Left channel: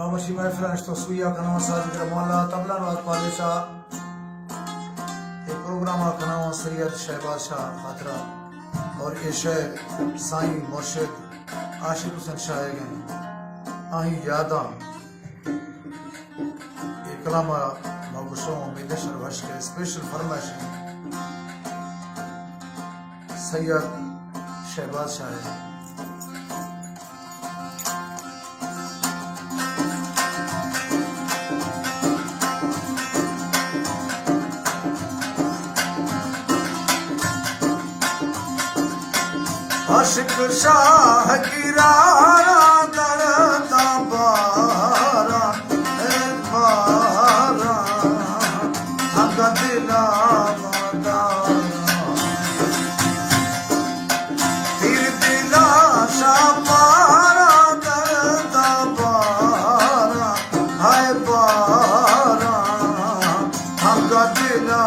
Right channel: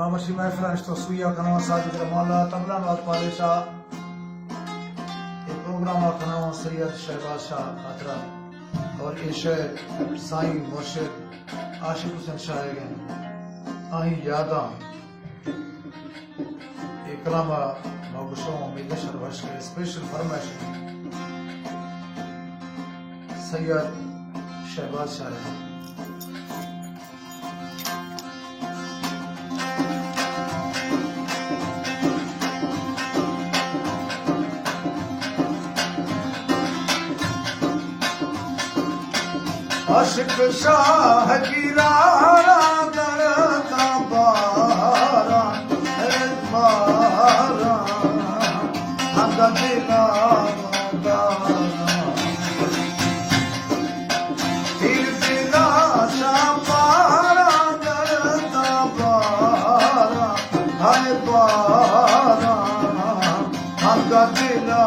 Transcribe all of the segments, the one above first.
बाबरशी महफिल तस्वीर कनावा साजिद मौला तबला नवाज पालिशा ये प्रोग्राम कनावा सैयद शहबाज शाह खातरा और ये शेर साईं मुर्शिद आशिक हुसैन शाह गए आही यादा ये कलामा मगुशों मिलेशर वर्ष के स्पेशल फरमाइश सैयद शहबाज शाह आशिक शाह की रारा दरदा बारा मारा आगा दिला तीर दिला शापारा दरदा बारा हाय बारा आगा दिला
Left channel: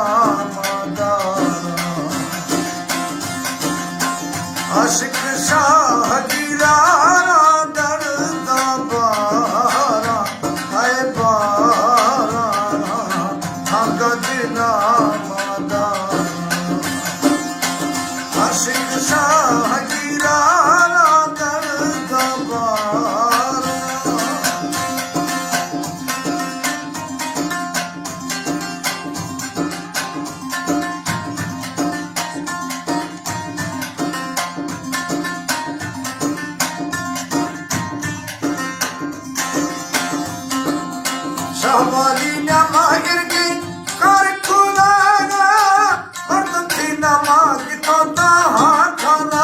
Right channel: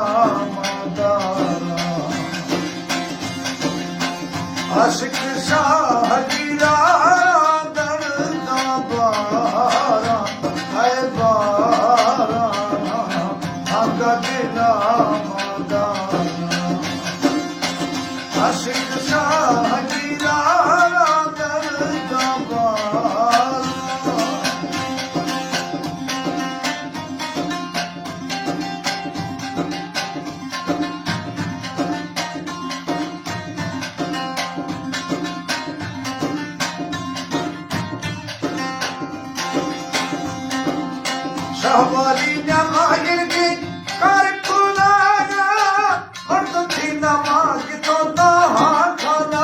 आशिक शाह की रारा दरदा बारा हाय बारा आगा दिला मादारा आशिक शाह की रारा दरदा बारा शाहवाली नमागिर की कर खुलागा और थी नमाग तो खाना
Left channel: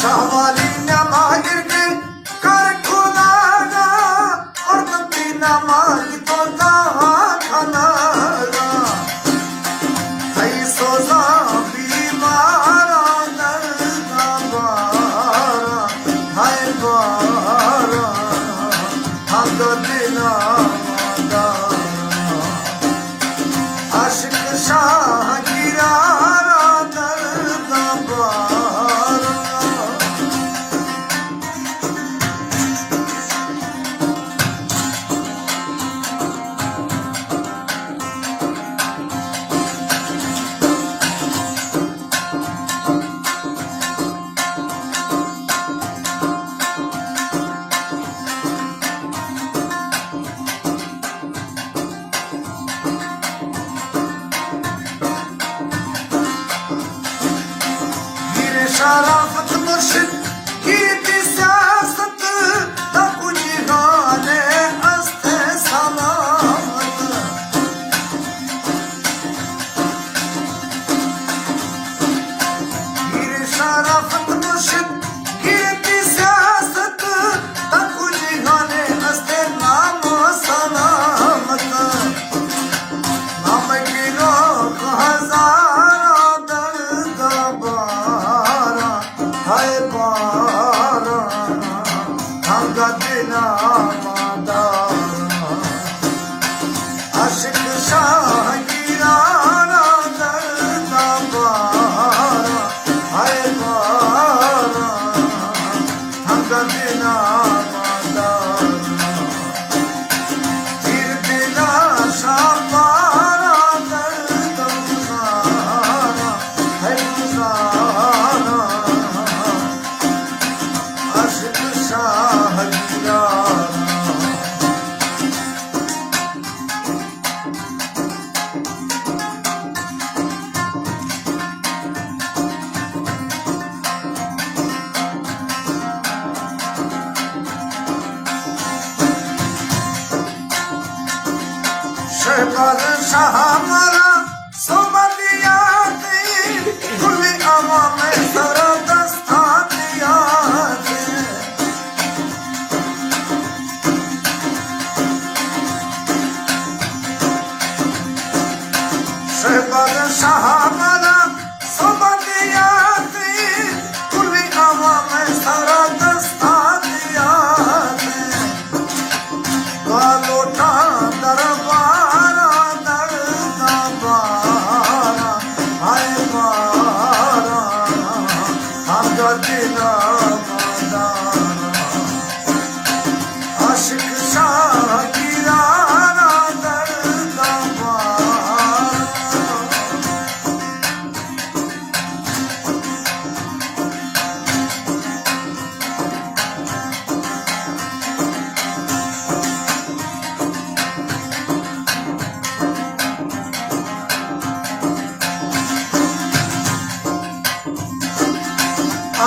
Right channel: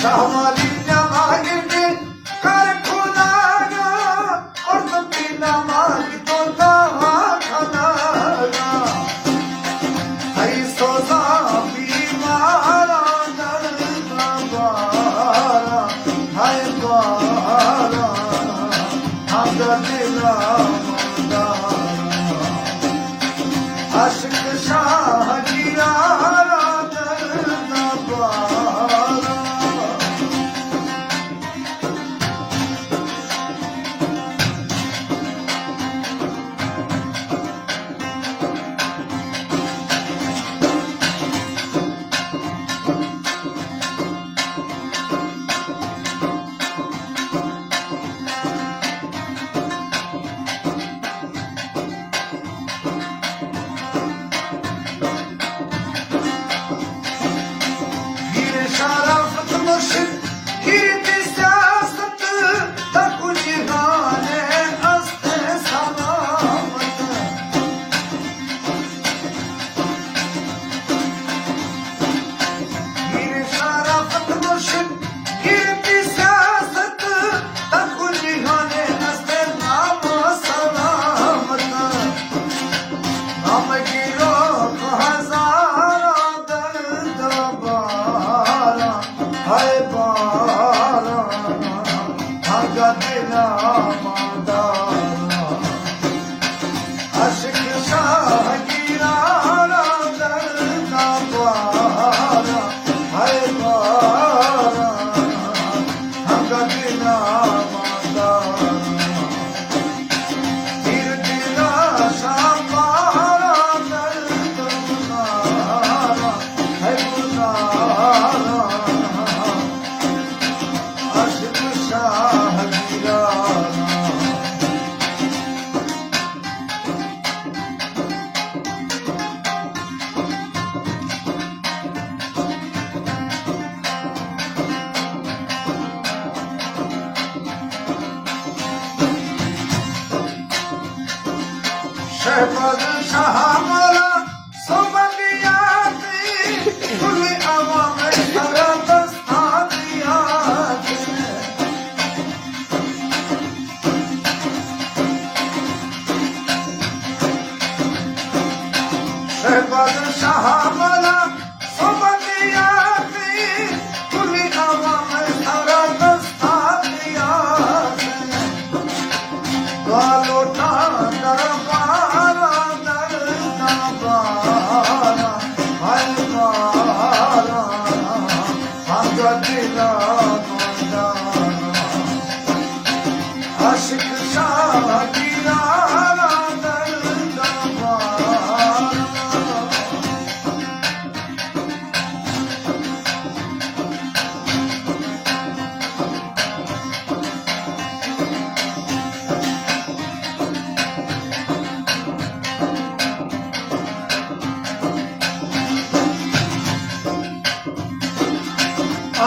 शाहवाली नमागिर की कर खुलागा और थी नमाग तो खाना सोजा बीमारा दर्द बारा हाय बारा आगा दिला मादारा आशिक शाह की रारा दर्द बारा शराफत मुर्शिद की सियासत तक जिहाने अस्ते सलामत हीर शराफत मुर्शिद की सियासत तक जिहाने अस्ते नाम सलामत नाम की रोक हजारा दर्द बारा हाय बारा आगा दिला मादारा आशिक शाह की रारा दर्दा बारा हाय बारा आगा दिला मादारा तीर दिला शापारा दर्द गुजारा है गुजारा आशिक शाह की रारा शहबाज शाह हमारा सोमलिया खुली हवा में सरा दस्ता दिया शहबाज शाह हमारा सोमलिया खुली हवा में सरा दस्ता दिया लोटा दरबारा दर्द बारा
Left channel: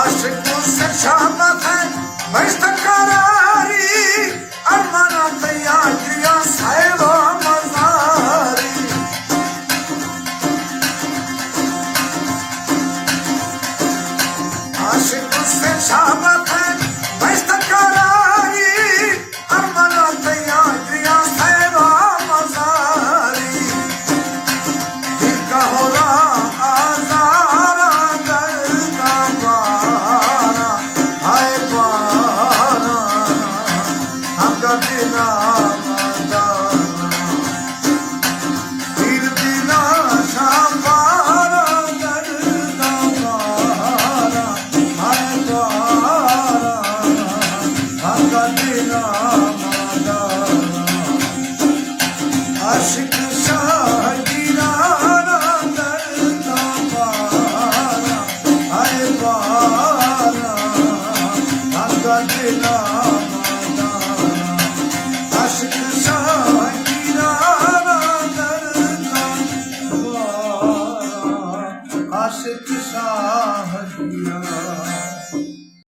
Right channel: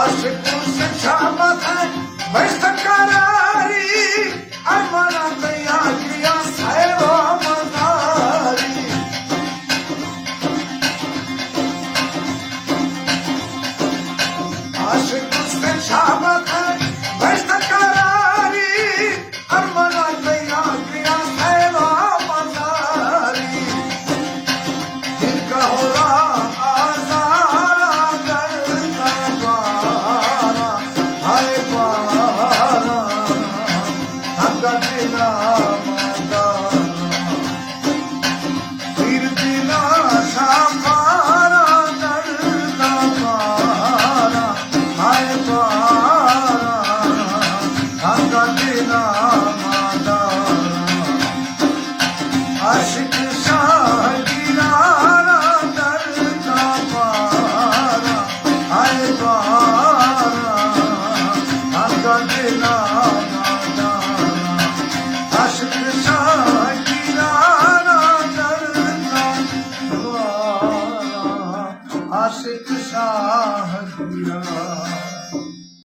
आशिकों से शाम